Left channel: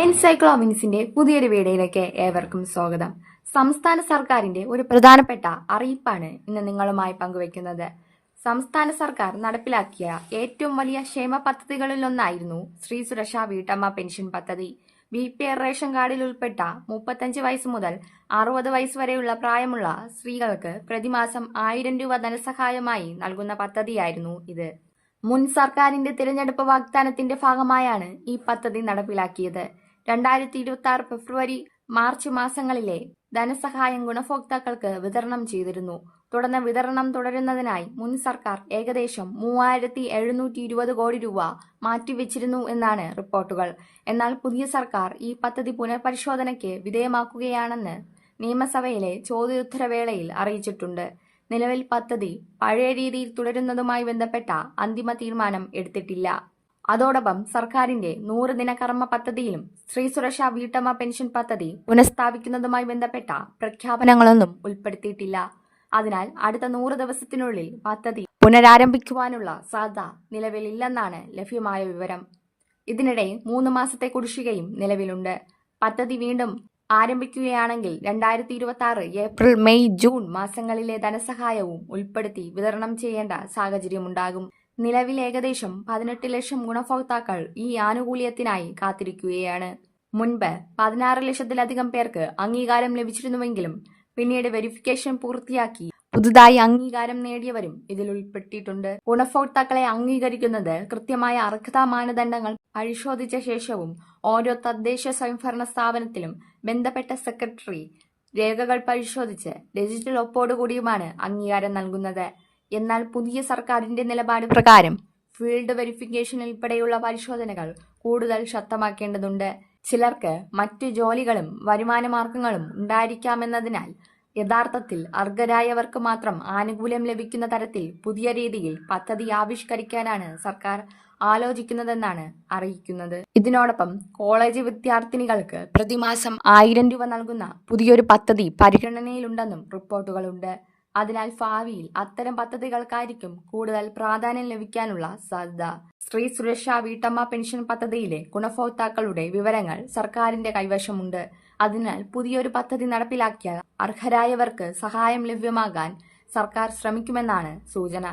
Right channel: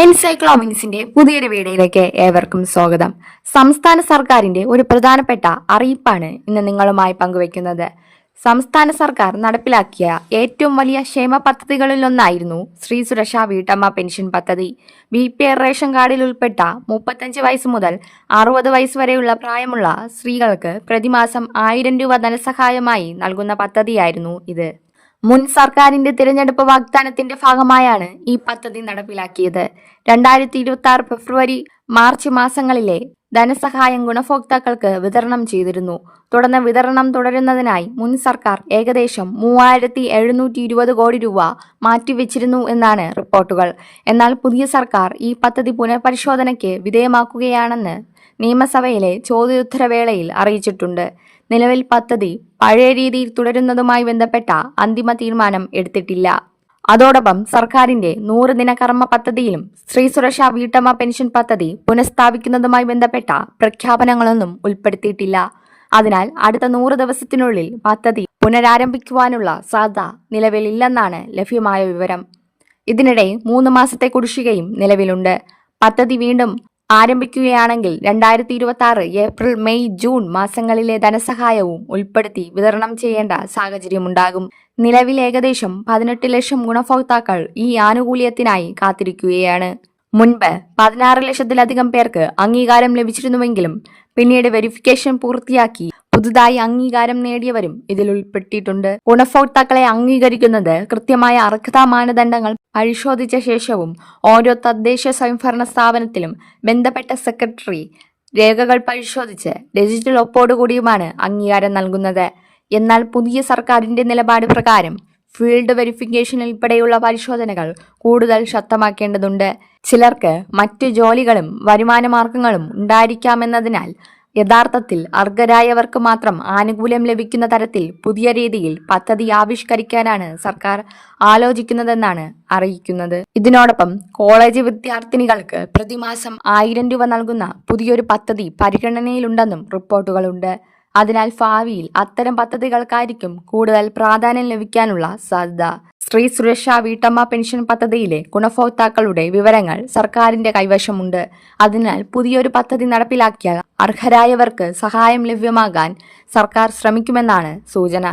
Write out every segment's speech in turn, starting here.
എൻസൈക്ലോമിൻസിന്റെ പുതിയൊരു വീഡിയോയിലേക്ക് ഏവർക്കും സ്വാഗതം. സംസ്ഥാന സർക്കാരിന്റെ ഒരു പ്രധാനപ്പെട്ട അറിയിപ്പാണ് ഇന്ന് നിങ്ങളുമായി പങ്കുവെക്കുന്നത്. സംസ്ഥാന സർക്കാർ നടപ്പിലാക്കിയ ഏറ്റവും വലിയ ക്ഷേമ പദ്ധതികളിലൊന്നായിരുന്നു സ്ത്രീ സുരക്ഷാ വീട്ടമ്മ പെൻഷൻ പദ്ധതി. BPL റേഷൻ കാർഡിൽ ഉൾപ്പെട്ട 35 വയസ്സ് മുതൽ 60 വയസ്സ് വരെയുള്ള പ്രായമുള്ള സ്ത്രീകൾക്ക് പ്രതിമാസം 1000 രൂപ ധനസഹായമായി നൽകുന്ന പദ്ധതിയായിരുന്നു ഇത്. മുൻ സർക്കാരിന്റെ തിരഞ്ഞെടുപ്പ് വാഗ്ദാനത്തിന്റെ ഭാഗമായാണ് ഈ പദ്ധതി നടപ്പിലാക്കിയത്. 2026 ഫെബ്രുവരി മാർച്ച് മാസങ്ങളിലെ ധനസഹായം ഗുണഭോക്താക്കൾക്ക് വിതരണം ചെയ്തിരുന്നു. തുടർന്ന് വിതരണം തുടരുന്നതിനായി മുൻ സർക്കാർ ഏകദേശം 3720 കോടി രൂപ മാറ്റിവെച്ചിരുന്നു എന്നാണ് റിപ്പോർട്ടുകൾ. എന്നാൽ പുതിയ സർക്കാർ ഈ പദ്ധതി പുനഃപരിശോധനയ്ക്ക് വിധേയമാക്കുകയാണെന്ന് നിയമസഭയിലെ ചോദ്യോത്തരവേളയിൽ അറിയിച്ചിട്ടുണ്ട്. നിലവിൽ പദ്ധതി പഴയ രീതിയിൽ തുടരുന്നതുമായി ബന്ധപ്പെട്ട അന്തിമ തീരുമാനം എടുത്തിട്ടില്ല. അതോടൊപ്പം സർക്കാരിന്റെ 100 ദിന കർമ്മ പദ്ധതിയിലും സ്ത്രീ സുരക്ഷാ വീട്ടമ്മ പെൻഷൻ പദ്ധതി പുനഃസ്ഥാപിക്കുന്നതുമായി ബന്ധപ്പെട്ട പ്രഖ്യാപനങ്ങളൊന്നും ഉൾപ്പെടുത്തിയിട്ടില്ല. അതിനാൽ അടുത്ത 100 ദിവസത്തിനുള്ളിൽ പദ്ധതി പുനരാരംഭിക്കുവാനുള്ള സാധ്യത നിലവിലില്ലെന്നാണ് ലഭ്യമായ വിവരം. ഇതിനിടെ 3 മാസത്തെ കുടിശ്ശികയും നിലവിലുണ്ട്. പദ്ധതി വീണ്ടും ആരംഭിക്കുകയാണെങ്കിൽ 2026 ഏപ്രിൽ, മെയ്, ജൂൺ മാസങ്ങളിലെ ധനസഹായവും ഉൾപ്പെടുത്തി വിതരണം ചെയ്യേണ്ട സാഹചര്യമുണ്ടാകും. നിലവിൽ ഏകദേശം 18 ലക്ഷം ഗുണഭോക്താക്കൾ ഈ ആനുകൂല്യത്തിനായി കാത്തിരിക്കുകയാണ്. മുൻപ് 16 ലക്ഷത്തിലധികം പേർക്ക് അംഗീകാരം ലഭിച്ചിരുന്നുവെങ്കിലും പിന്നീട് വെരിഫിക്കേഷൻ പൂർത്തിയാക്കി പുതുതായി അംഗീകാരം നേടിയവരും ഇതിൽ ഉൾപ്പെട്ടിട്ടുണ്ട്. ഗുണഭോക്താക്കളെ അംഗീകരിക്കുന്നത് കൃത്യമായ അർഹതാ മാനദണ്ഡങ്ങൾ പരിശോധിച്ച ശേഷവും ഓരോ തദ്ദേശ സ്വയംഭരണ സ്ഥാപനത്തിലും ബന്ധപ്പെട്ട സെക്രട്ടറി രേഖകൾ പരിശോധിച്ച് ഡിജിറ്റൽ ഒപ്പോടുകൂടിയുമാണ് അംഗീകാരം നൽകുന്നത്. എന്നാൽ പുതിയ സർക്കാരിന്റെ നിലപാട് പ്രകാരം ഫീൽഡ് വെരിഫിക്കേഷൻ ഉൾപ്പെടെയുള്ള പരിശോധനകൾ കൂടുതൽ ശക്തമാക്കേണ്ടതുണ്ട്. ചിലർക്ക് മറ്റ് ജോലികളും വരുമാന മാർഗങ്ങളും ഉണ്ടായിരിക്കാമെന്നതിനാൽ യഥാർത്ഥത്തിൽ അർഹരായവർക്ക് മാത്രം ആനുകൂല്യം ലഭിക്കുന്ന തരത്തിൽ പുതിയ രീതിയിൽ പദ്ധതി ആവിഷ്കരിക്കാനാണ് സർക്കാർ ആലോചിക്കുന്നതെന്നാണ് അറിയിക്കുന്നത്. ഇതിനോടൊപ്പം കോളേജ് വിദ്യാർത്ഥിനികൾക്ക് പ്രതിമാസം 1000 രൂപ നൽകുന്ന പുതിയൊരു പദ്ധതി പരിഗണനയിലുണ്ടെന്നും റിപ്പോർട്ടുകളുണ്ട്. അതിനാൽ ഭാവിയിൽ അത്തരം പദ്ധതികൾക്കായിരിക്കും കൂടുതൽ പ്രാധാന്യം ലഭിക്കാനുള്ള സാധ്യത. സ്ത്രീ സുരക്ഷാ വീട്ടമ്മ പെൻഷൻ പദ്ധതിയിലെ ഗുണഭോക്താക്കളുടെ വിവരങ്ങൾ സർക്കാരിന്റെ കൈവശമുണ്ട്. അതിനാൽ പുതിയൊരു പദ്ധതി നടപ്പിലാക്കിയാൽ അർഹരായവർക്ക് സഹായം ലഭ്യമാകാൻ സർക്കാർ ശ്രമിക്കുമെന്നാണ് സൂചന.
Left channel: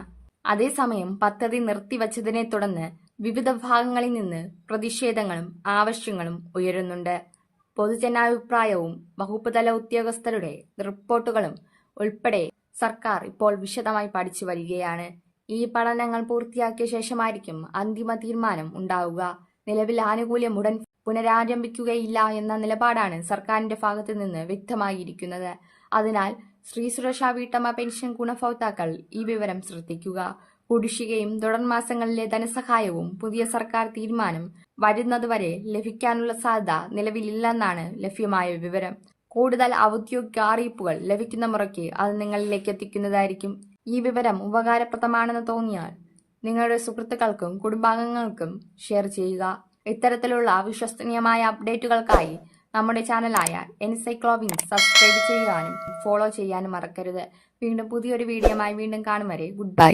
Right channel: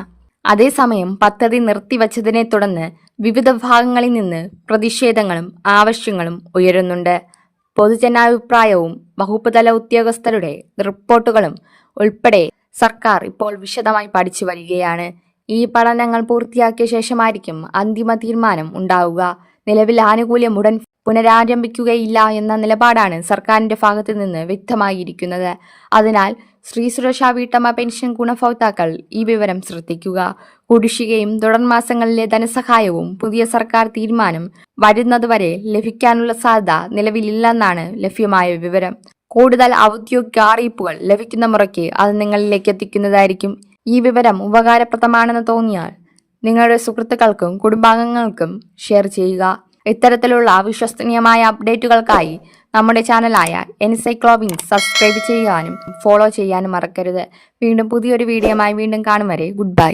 അതേസമയം പദ്ധതി നിർത്തിവച്ചതിനെ തുടർന്ന് വിവിധ ഭാഗങ്ങളിൽ നിന്ന് പ്രതിഷേധങ്ങളും ആവശ്യങ്ങളും ഉയരുന്നുണ്ട്. പൊതുജനാഭിപ്രായവും വകുപ്പ് തല ഉദ്യോഗസ്ഥരുടെ റിപ്പോർട്ടുകളും ഉൾപ്പെടെ സർക്കാർ ഇപ്പോൾ വിശദമായി പഠിച്ചു വരികയാണ്. ഈ പഠനങ്ങൾ പൂർത്തിയാക്കിയ ശേഷമായിരിക്കും അന്തിമ തീരുമാനം ഉണ്ടാവുക. നിലവിൽ ആനുകൂല്യം ഉടൻ പുനരാരംഭിക്കുകയില്ല എന്ന നിലപാടാണ് സർക്കാരിന്റെ ഭാഗത്തു നിന്ന് വ്യക്തമായിരിക്കുന്നത്. അതിനാൽ സ്ത്രീ സുരക്ഷാ വീട്ടമ്മ പെൻഷൻ ഗുണഭോക്താക്കൾ ഈ വിവരം ശ്രദ്ധിക്കുക. കുടിശ്ശികയും തുടർ മാസങ്ങളിലെ ധനസഹായവും പുതിയ സർക്കാർ തീരുമാനം വരുന്നതുവരെ ലഭിക്കാനുള്ള സാധ്യത നിലവിലില്ലെന്നാണ് ലഭ്യമായ വിവരം. കൂടുതൽ ഔദ്യോഗിക അറിയിപ്പുകൾ ലഭിക്കുന്ന മുറയ്ക്ക് അത് നിങ്ങളിലേക്ക് എത്തിക്കുന്നതായിരിക്കും. ഈ വിവരം ഉപകാരപ്രദമാണെന്ന് തോന്നിയാൽ നിങ്ങളുടെ സുഹൃത്തുക്കൾക്കും കുടുംബാംഗങ്ങൾക്കും ഷെയർ ചെയ്യുക. ഇത്തരത്തിലുള്ള വിശ്വസനീയമായ അപ്ഡേറ്റുകൾക്കായി നമ്മുടെ ചാനലായ എൻസൈക്ലോമിൻസ് സബ്സ്ക്രൈബ് ചെയ്യാനും ഫോളോ ചെയ്യാനും മറക്കരുത്. വീണ്ടും പുതിയൊരു വീഡിയോയുമായി വീണ്ടും കാണും വരെ ഗുഡ് ബൈ.